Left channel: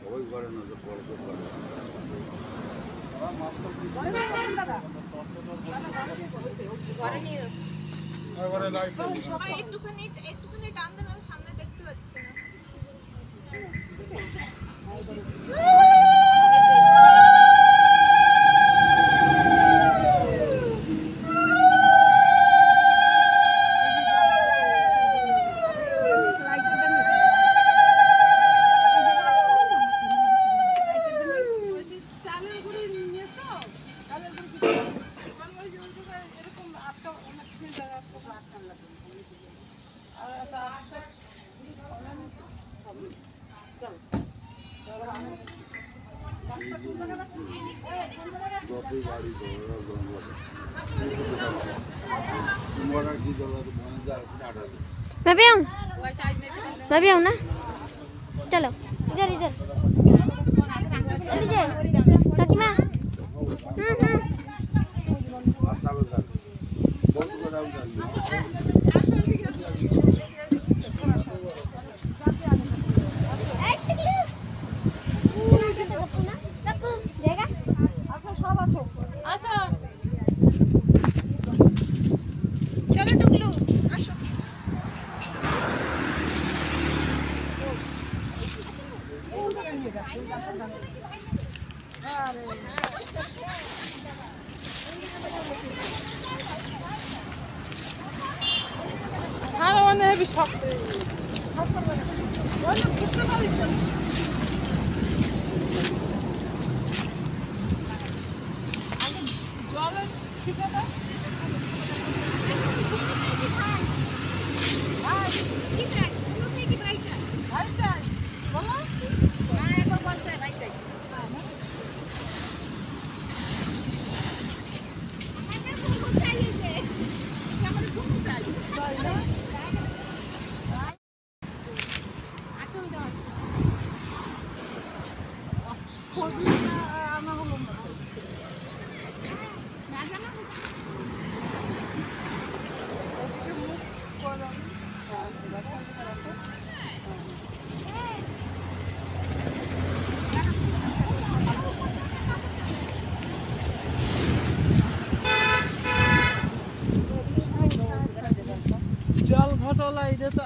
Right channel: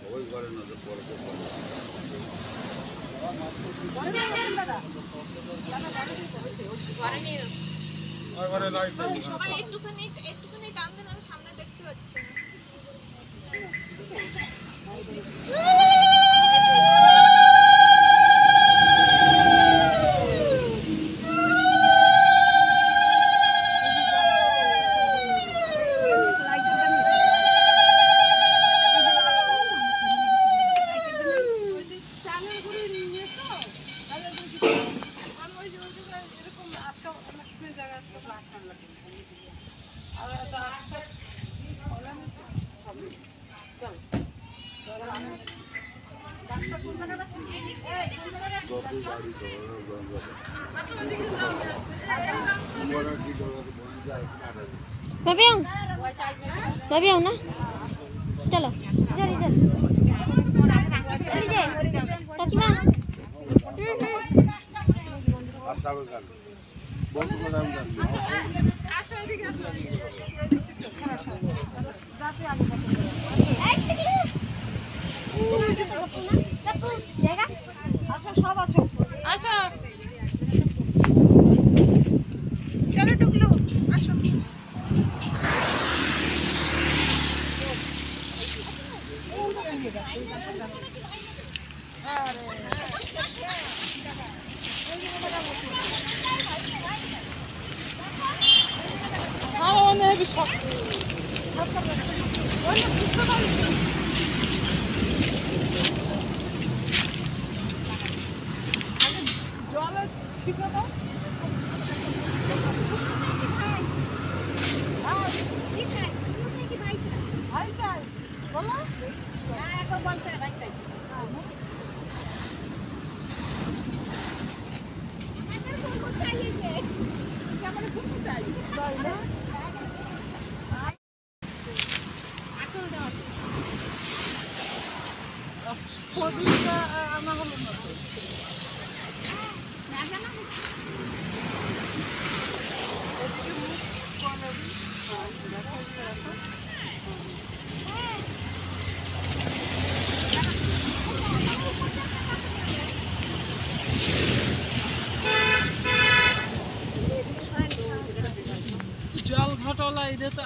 সবাই করে না যে পরে তো করে সবাই একটুখানি টান দেন, আমি সামনে দেখতে পাচ্ছি না। मैं भी आऊँ ना। चलो इधर इधर काकीमा। চলো টুকলু আসো। জলের ছিটে দাও। জল ঘটলা এটা তো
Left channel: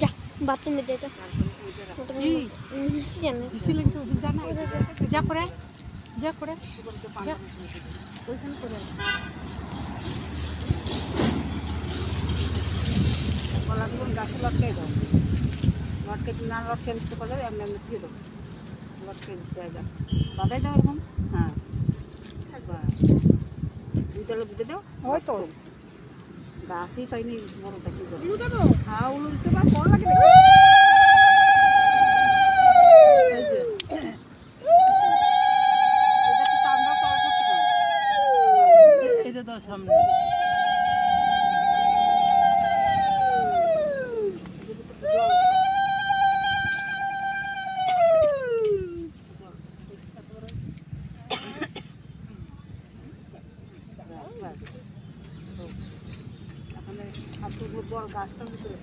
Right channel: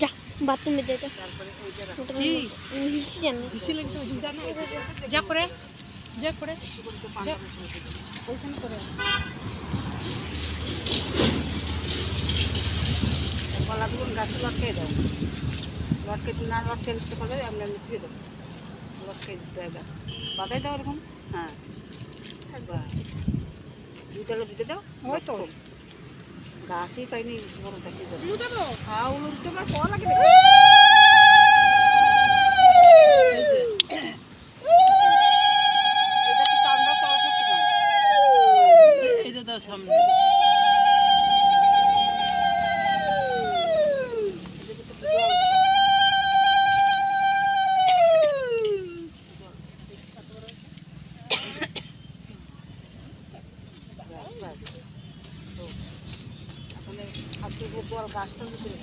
जा बाथरूम में दे जा। যা করে যা করে গাছ লটকাই দাও, লটকে না লটকে দিতে পারলে আমরা মুছিয়ে দেবো, লটকে দিতে হবে বাদাই দাও এরকম। হ্যাঁ দুইটাকে দিতে দাও। ওই তো গাছই পাইনি বড়টা কি করবো। হ্যাঁ উলুর দিবা কল লাগে। এটা দাও সামনে। জল গাছটার ভিতরে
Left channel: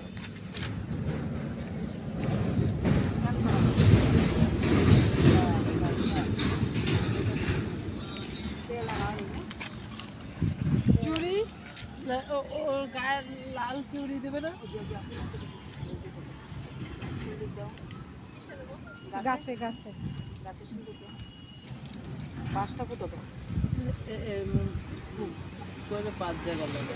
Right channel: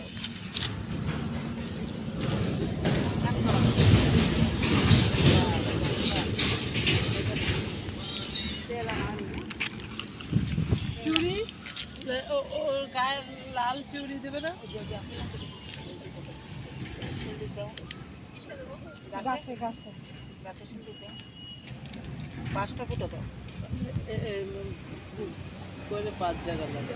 চুড়ি ওর গায়ে লাল চুড়ি দেবে না। গাছে গাছে গাছে সিঁদুর দেয়। গাছটা কোথাও দাও করে 5 জায়গা লাগে।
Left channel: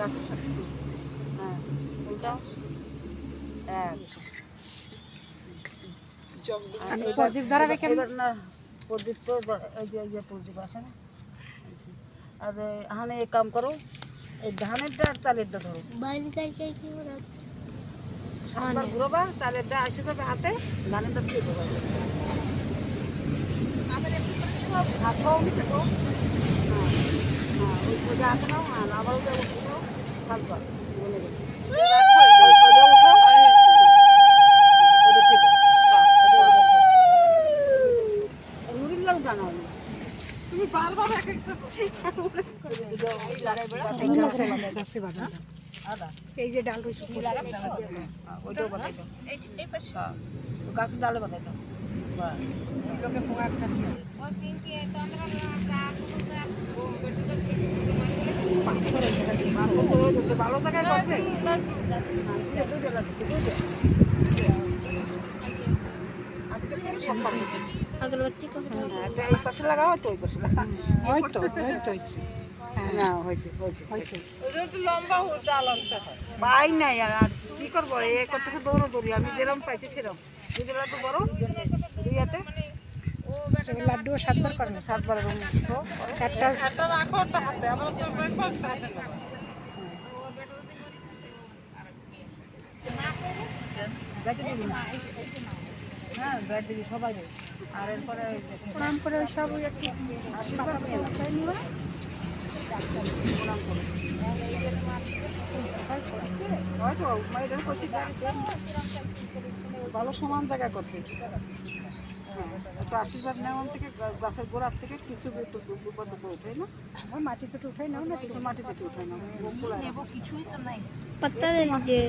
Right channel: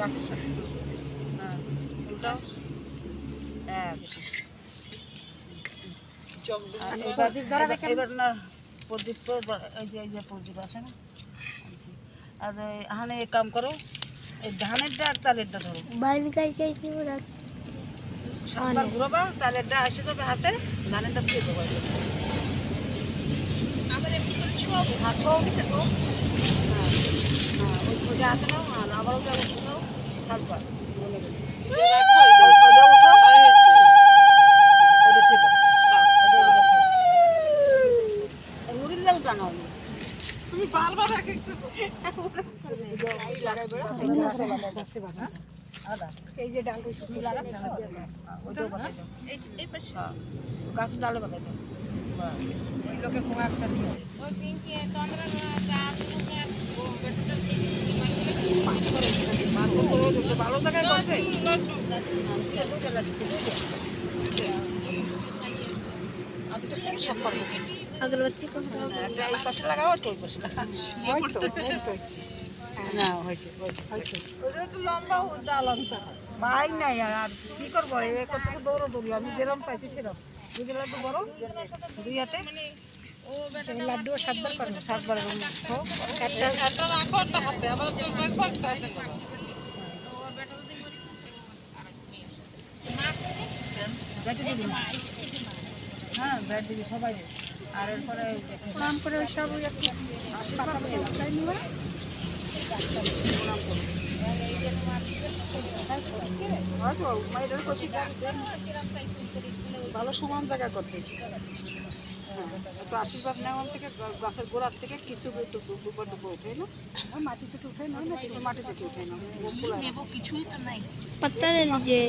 গাছের সাথে হ্যাঁ প্রদীপ ধরাবে কেন? এবার না প্রদীপ তো এই যে প্রদীপ আছে না, আর এখানে এক কাম করো, এই ধানেরটা আর চালেরটা ধরো, সাতবার ঘুরবা, চালেরটা আসে যাবে হাতে, ধানেরটা দিয়ে দেবো। আবার এমনি করে ছোঁয়াবো, হাত পাও নিচে তো, ওই পূজা হাতে নাও, আবারও যাবো সাতবার তুমি বারবার এক একটা এই যে ডাল গাছ ডালে বাঁধা লোকে পোকা একটা দিয়ে ভালো জায়গায় अगरबत्ती को पाশে লাগাও তো ওই পাশে না হয়েছে ওটা তো লম্বা ডাল আনতে হয় পাই নাই আর কি করবো এ করতেছে দৌড়ো দৌড়ি আমি যেরকম পাইছি সেরকম দুটো লাড্ডু বড় দুই হাতে লাড্ডু 7 বার করবে 7 বার একটা রাখো একটা হাতে আবার তো রাখো একটা হাতে নেবা গাটি দিবি হ্যাঁ ব্যাট দিবি সবাই আর এরপরে নাম করে ওই সব একটু পাতা করে নিব ভালো সমান জায়গা করতে একটু আশীর্বাদ নেওয়ার থেকে গাছের গোড়ার থেকে কিছু উঠে না মাটি ছোট উঠে নাও না কিছু মাটি ছোট উঠে না নেব কিছুই তো নাই पत्ता ले लीजिए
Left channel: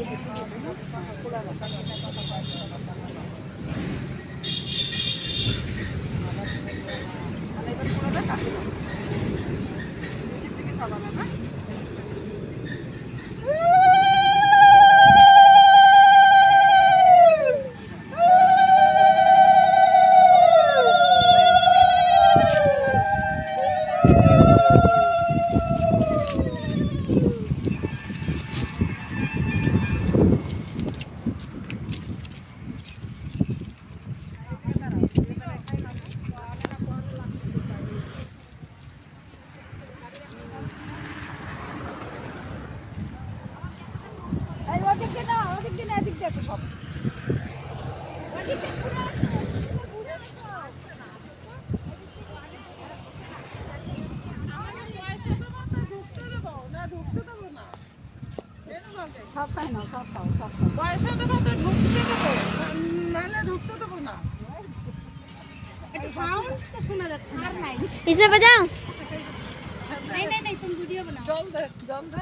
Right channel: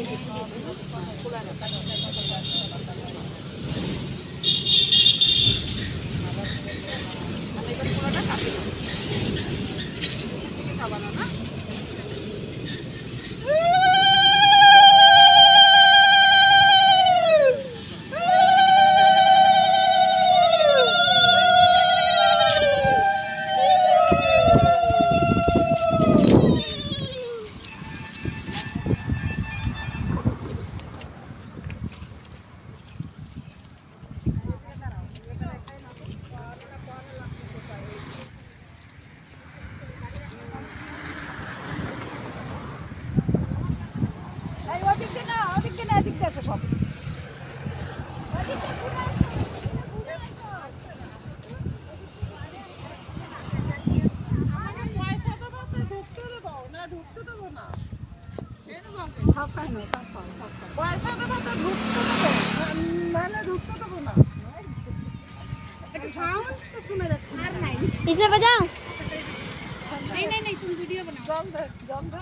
इसे बजाओ नहीं तुम वीडियो बनाओ जल दे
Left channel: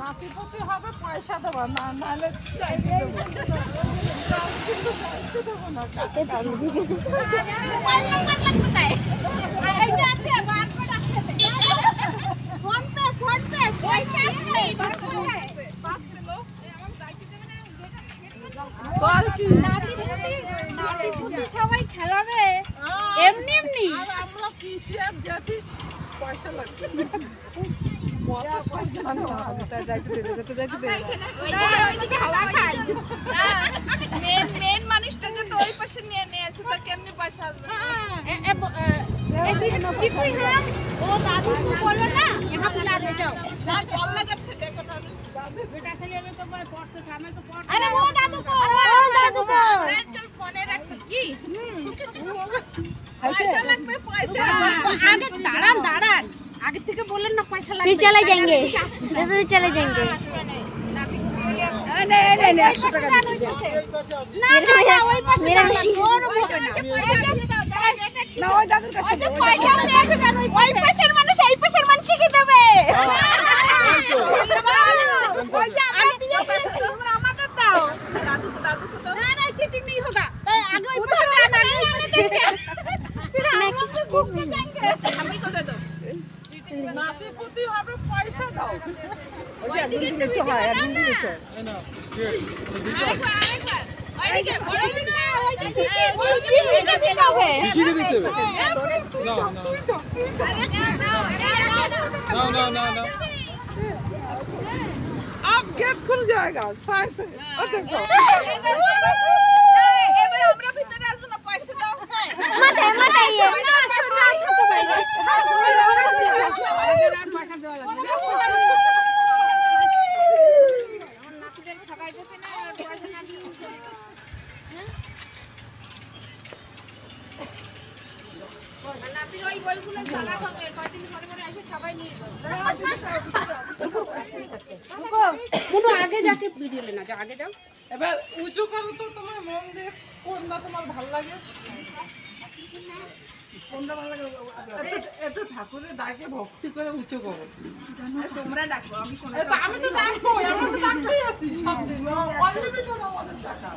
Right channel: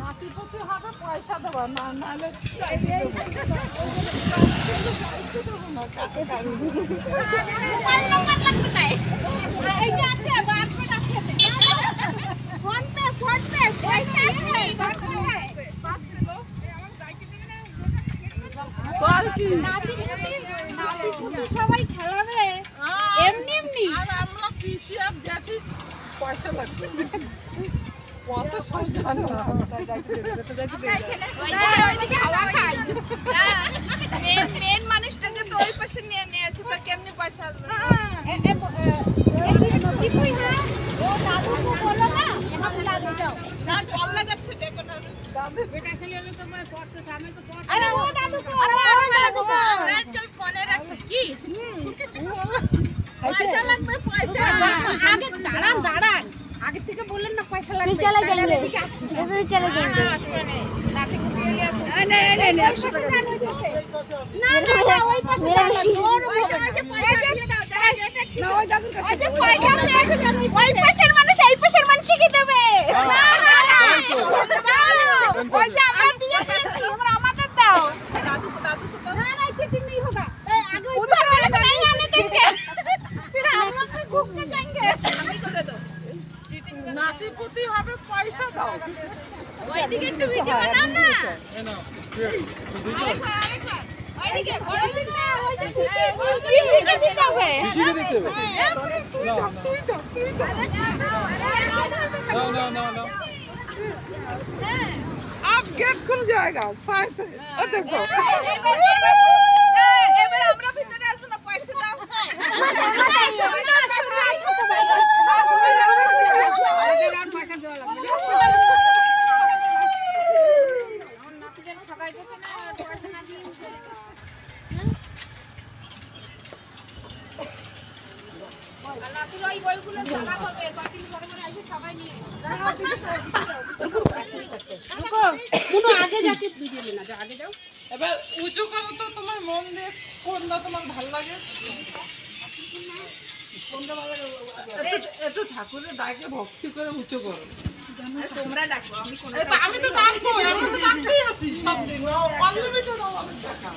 नाती पुती হবে পয়সা দেব না নালে চাইবে এই যে আছে বাস पे ডাকতে फोन पे পয়সা আছে পাস ছিল আমার যাইতে দেবে না বল কি নাতি পুতি সবাই খেলাবে এমনি এমনি আর আমরা পিসি আর জেঠি পয়সা লাগবে মেন মানুষটাকে তো ওই পাশে নিয়ে নিয়েছে তা কেমনি পয়সা আসবে ও দাদু को बोलो ना यहाँ पे ला दे जाओ ना जल लगाচ্ছে बेटा खाली আমি তো मैं पढ़ते थे আমি তো पढ़ते अरे वो दादू को आजकल फोने रख की पैसा लगবে पैसा आगे दाঁড়ান आगे থেকে বলেন না পয়সা লাগবে चले जाएंगे इधर चले जाएंगे नहीं 100 টাকা না ওই পাশে মেরা পয়সা দিয়ে দাও না ওই দাদুর কাছে পয়সা নিয়ে এসে যান ওই পাশের মানুষ এই পাশের মানুষ কি দেবে ওই যে আমরা দিয়ে দিয়েছি আমরা আমাদের দাও দাদু को दो ना चीटिंग नहीं होगा आगे ওই পাশে नहीं देंगे फिर हम लोग घूमने जाएंगे हमें को दे दो নাতি পুতি হবে পয়সা দাও ওইদিকে একটু ভিডিও বানাও না এই নাও ওইদিকে বড় ভিডিও ওই যে পিসিকে দিতে হবে পিসিকে দিতে হবে তুই তো না अब गेट खुल जाएगा साइड से ओ देखो আগে যাকে ভিডিও না আগে যাও এবার উঁচু করো তো তোমার মন দিয়ে কোনটা তোমার ভালো লাগে কোনটা ভালো লাগে একটু ঠাকুরের ডাকে ভক্তি করে উঁচু করো তোমরা ডাকো আমি কোনো আমি তো ডাকবো আমি তো ডাকতেই আছি সব দিন অনলিমিটেড আমাদের টাকা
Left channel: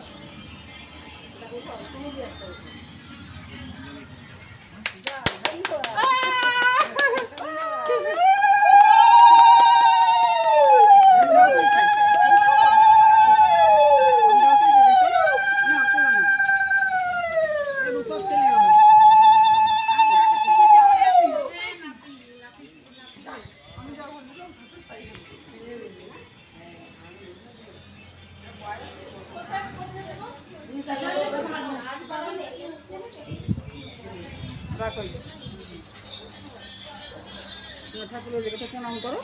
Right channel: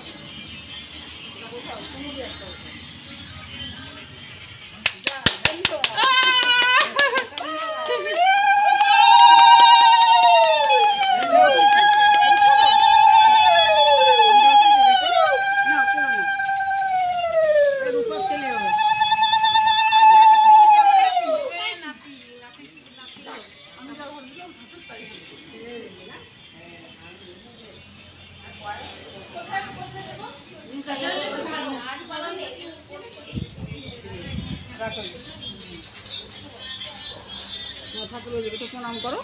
ঠাকুরের প্রণাম করো।